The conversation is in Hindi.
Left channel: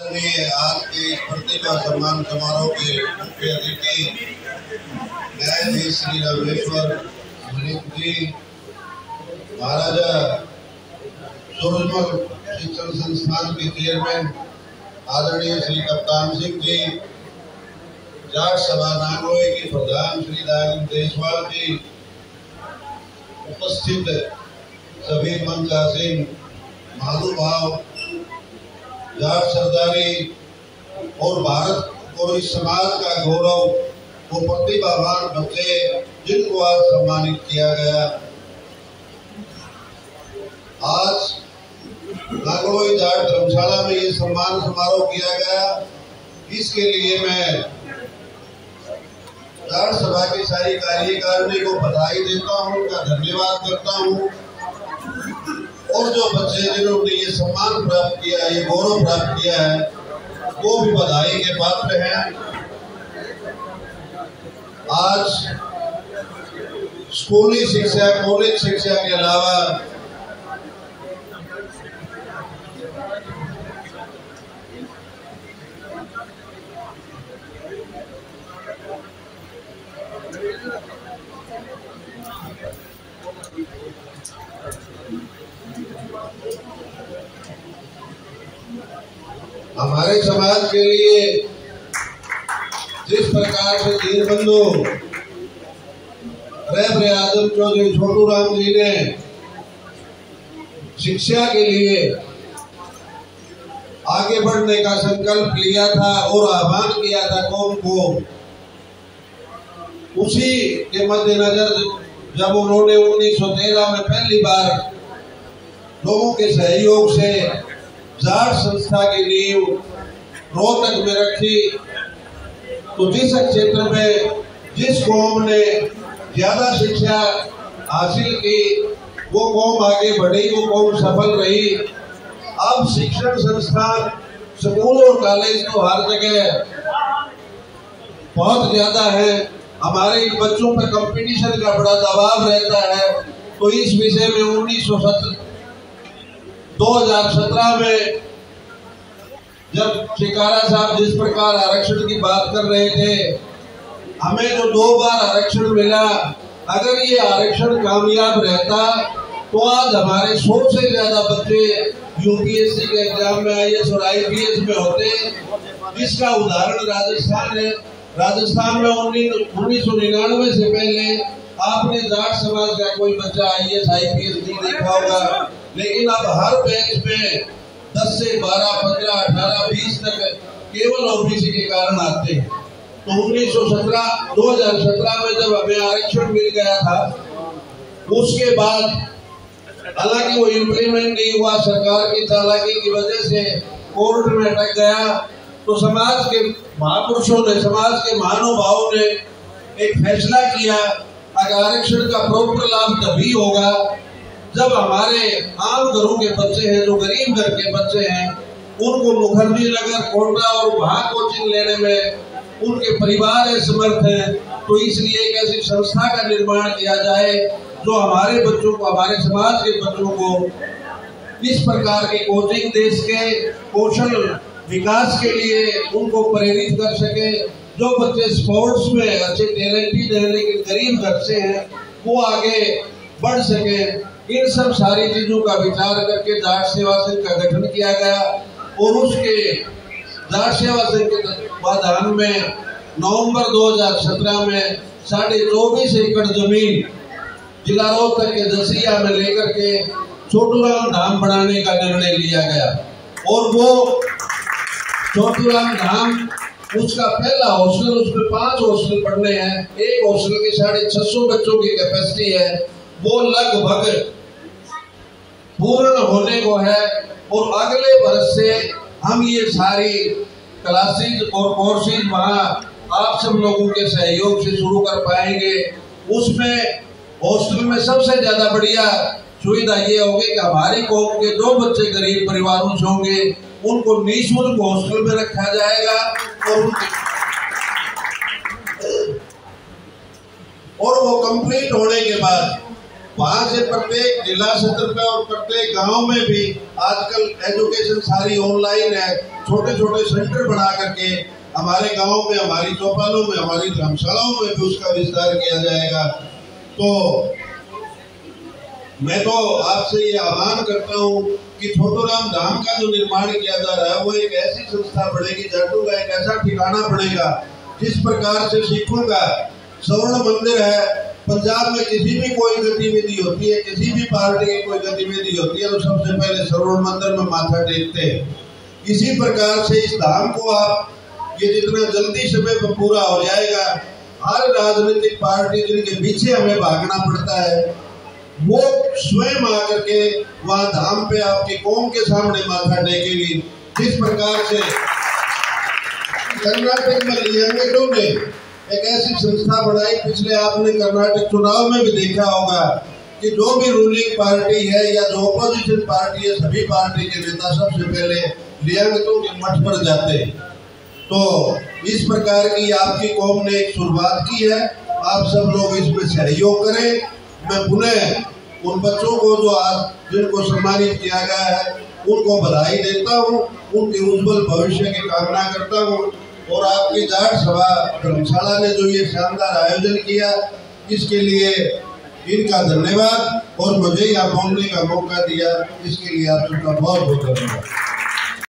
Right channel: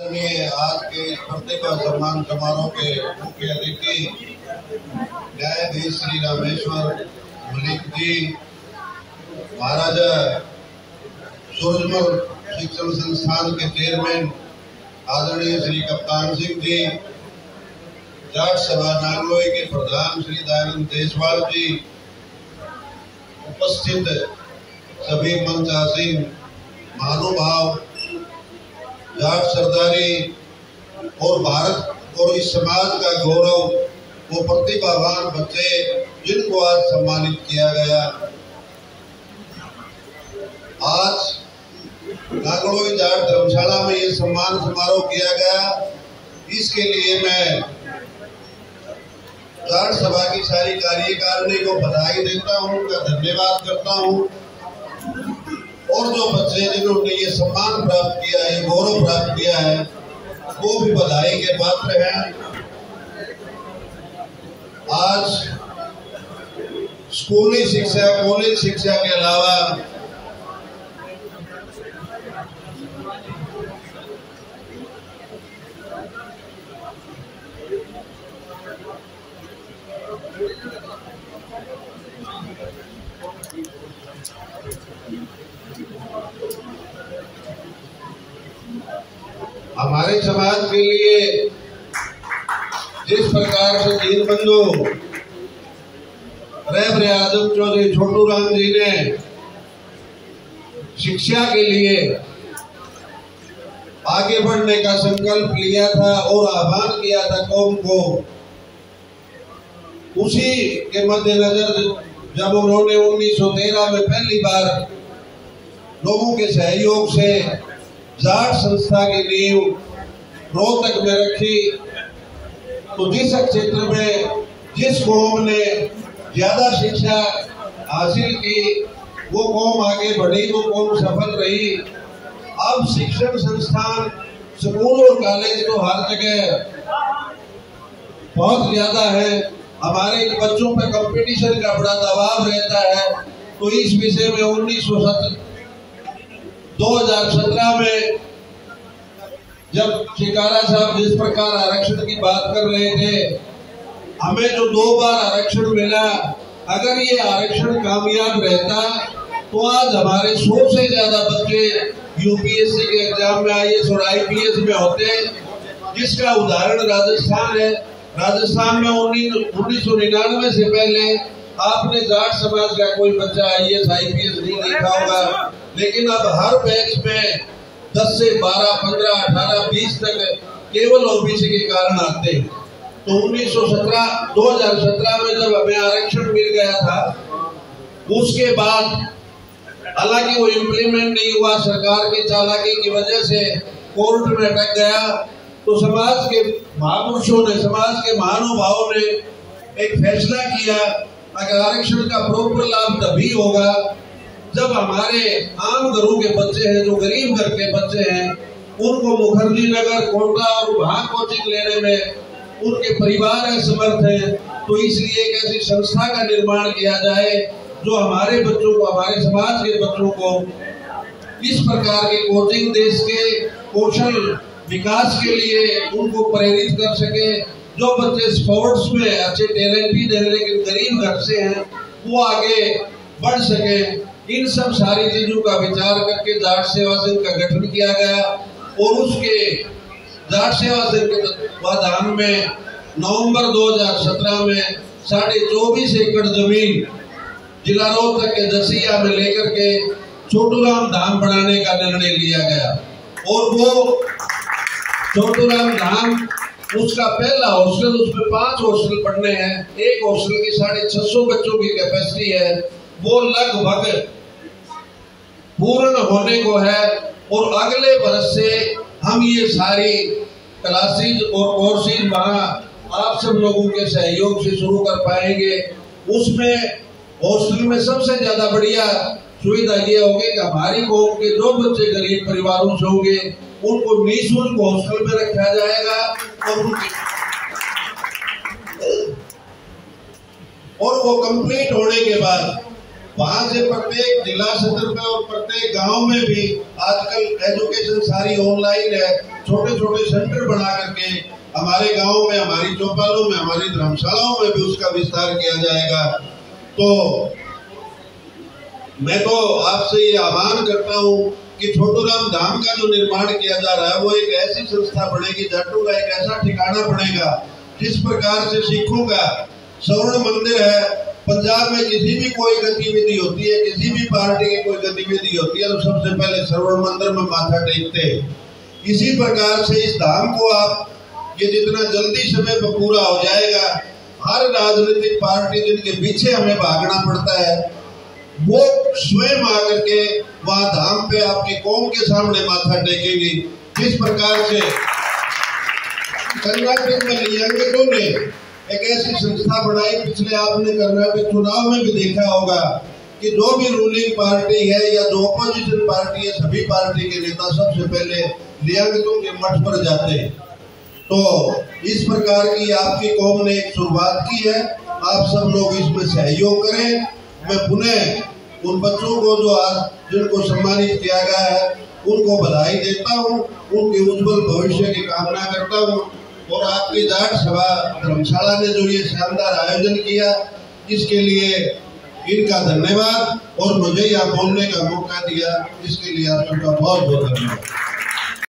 आज के इस प्रतिभा सम्मान समारोह के मुख्य अतिथि न्यायाधीश श्री रामेश्वर मलिक जी, महाराजा सूरजमल शिक्षण संस्थान के चेयरमैन आदरणीय श्री कप्तान सिंह जी, जाट सभा नांगलोई के प्रधान श्री दयानंद देशवाल जी, उपस्थित सभी मंचासीन महानुभाव, जाट सरदारी और भारत और इस समाज का गौरव वो प्रतिभावान बच्चे जिनको आज सम्मानित किया गया। आज नांगलोई जाट धर्मशाला में ये सम्मान समारोह किया गया। इसके लिए मैं जाट सभा की सारी कार्यकारिणी को बधाई देता हूँ, उनका धन्यवाद करता हूँ। और जो बच्चे जिन्होंने ये सम्मान प्राप्त किया है, ये गौरव प्राप्त किया है, वो भी बधाई के पात्र हैं। आज स्कूली शिक्षा, कॉलेज शिक्षा के अलावा हमारे समाज के लिए जिस प्रकार से दीनबंधु रहबर आजम चौधरी छोटू राम जी ने शिक्षा के लिए आगे बढ़ने का संकल्प लिया था और आह्वान किया था कौम को, उसी के मद्देनजर जब उन्होंने 1913 में पहली बार लोगों के सहयोग से जाट संस्था की नींव रोहतक में रखी, तो जिस क्षेत्र में जिस कौम ने ज्यादा शिक्षा हासिल की वो कौम आगे बढ़ी, वो कौम सफल रही। अब शिक्षण संस्थान, स्कूल और कॉलेज तो हर जगह बहुत ज्यादा है। हमारे बच्चों पर कंपटीशन का बड़ा दबाव रहता है। तो इस विषय में 2017 में जब शिकारा साहब जिस प्रकार आरक्षण की बात कर रहे थे, हमें जो 2 बार आरक्षण मिला, अगर ये आरक्षण कामयाब रहता तो आज हमारे 100 से ज्यादा बच्चे यूपीएससी के एग्जाम में आईएएस और आईपीएस में होते, जिसका उदाहरण राजस्थान है। राजस्थान में 1999 से पहले आपने जाट समाज का कोई बच्चा आईएएस आईपीएस नहीं देखा होगा, लेकिन अब हर बैच में 10 से 12, 15, 18, 20 तक केवल ओबीसी के कारण आते हैं। तो 2017 में जब हमें आरक्षण मिल गया था, उसके बाद हालांकि वो इम्प्लीमेंट नहीं हुआ, सरकार की चालाकी की वजह से कोर्ट में अटक गया। तो समाज के महापुरुषों ने, समाज के महानुभावों ने एक फैसला किया, अगर आरक्षण का प्रॉपर लाभ तभी होगा जब हमारे आम घरों के बच्चे हैं, जो गरीब घर के बच्चे हैं, उनको मुखर्जी नगर, कोटा और वहां कोचिंग लेने में उनके परिवार समर्थ हैं। तो इसलिए एक ऐसी संस्था का निर्माण किया जाए जो हमारे बच्चों को, हमारे समाज के बच्चों को इस प्रकार की कोचिंग दे सके, कौशल विकास के लिए उनको प्रेरित कर सके। जो बच्चे स्पोर्ट्स में अच्छे टैलेंटेड हैं लेकिन गरीब घर से हैं, वो आगे बढ़ सके। इन सब सारी चीजों का विचार करके जाट सेवा संघ का गठन किया गया और उसके जाट सेवा संघ के तत्वाधान में नवंबर 2017 में 24.5 एकड़ जमीन जिला रोहतक के जसिया में लेकर के छोटूराम धाम बनाने का निर्णय लिया गया। और वो छोटूराम धाम, उसका पहला हॉस्टल, उसमें 5 हॉस्टल बनने हैं। एक हॉस्टल की 650 बच्चों की कैपेसिटी है, वो लगभग पूर्ण होने को है। और अगले वर्ष से हम ये सारी क्लासेज और कोर्सेज वहाँ आप सब लोगों के सहयोग से शुरू कर पाएंगे। उसमें हॉस्टल में सबसे ज्यादा बढ़िया सुविधा ये होगी कि हमारी कौम के जो बच्चे गरीब परिवारों से होंगे उनको निःशुल्क हॉस्टल में रखा जाएगा और वो कंप्लीट होने के बाद वहां से प्रत्येक जिला स्तर पे और प्रत्येक गांव में भी आजकल एजुकेशन सारी ऑनलाइन है। छोटे छोटे सेंटर बना करके हमारे गांव में, हमारी चौपालों में, हमारी धर्मशालाओं में भी उसका विस्तार किया जाएगा। तो मैं तो आपसे ये आह्वान करता हूँ कि छोटूराम धाम का जो निर्माण किया जा रहा है वो एक ऐसी संस्था बनेगी, जाटों का एक ऐसा ठिकाना बनेगा जिस प्रकार से सिखों का स्वर्ण मंदिर है। पंजाब में किसी भी कोई गतिविधि होती है, किसी भी पार्टी की कोई गतिविधि होती है तो सबसे पहले स्वर्ण मंदिर में माथा टेकते हैं। इसी प्रकार से इस धाम को आप ये जितना जल्दी समय पर पूरा हो जाएगा, हर राजनीतिक पार्टी जिनके पीछे हमें भागना पड़ता है वो स्वयं आकर के वहां धाम पे आपकी कौम के सामने माथा टेकेगी। जिस प्रकार से कर्नाटक में लियांगेटो ने एक ऐसी संस्था बनाई, पिछले आपने कर्नाटक चुनाव में भी देखा होगा कि जो भी रूलिंग पार्टी है या जो अपोजिशन पार्टी है, सभी पार्टी के नेता सबसे पहले लियांगेटो के मठ पर जाते हैं। तो इस प्रकार की आपकी कौम ने एक शुरुआत की है, आप सब लोग इसमें सहयोग करें। मैं पुनः उन बच्चों को जो आज जिनको सम्मानित किया गया है उनको बधाई देता हूँ, उनके उज्जवल भविष्य की कामना करता हूँ। और आपकी जाट सभा धर्मशाला ने जो ये शानदार आयोजन किया इसके लिए इनका धन्यवाद, और मुझे यहाँ बोलने का मौका दिया इसके लिए आप सबका बहुत बहुत धन्यवाद।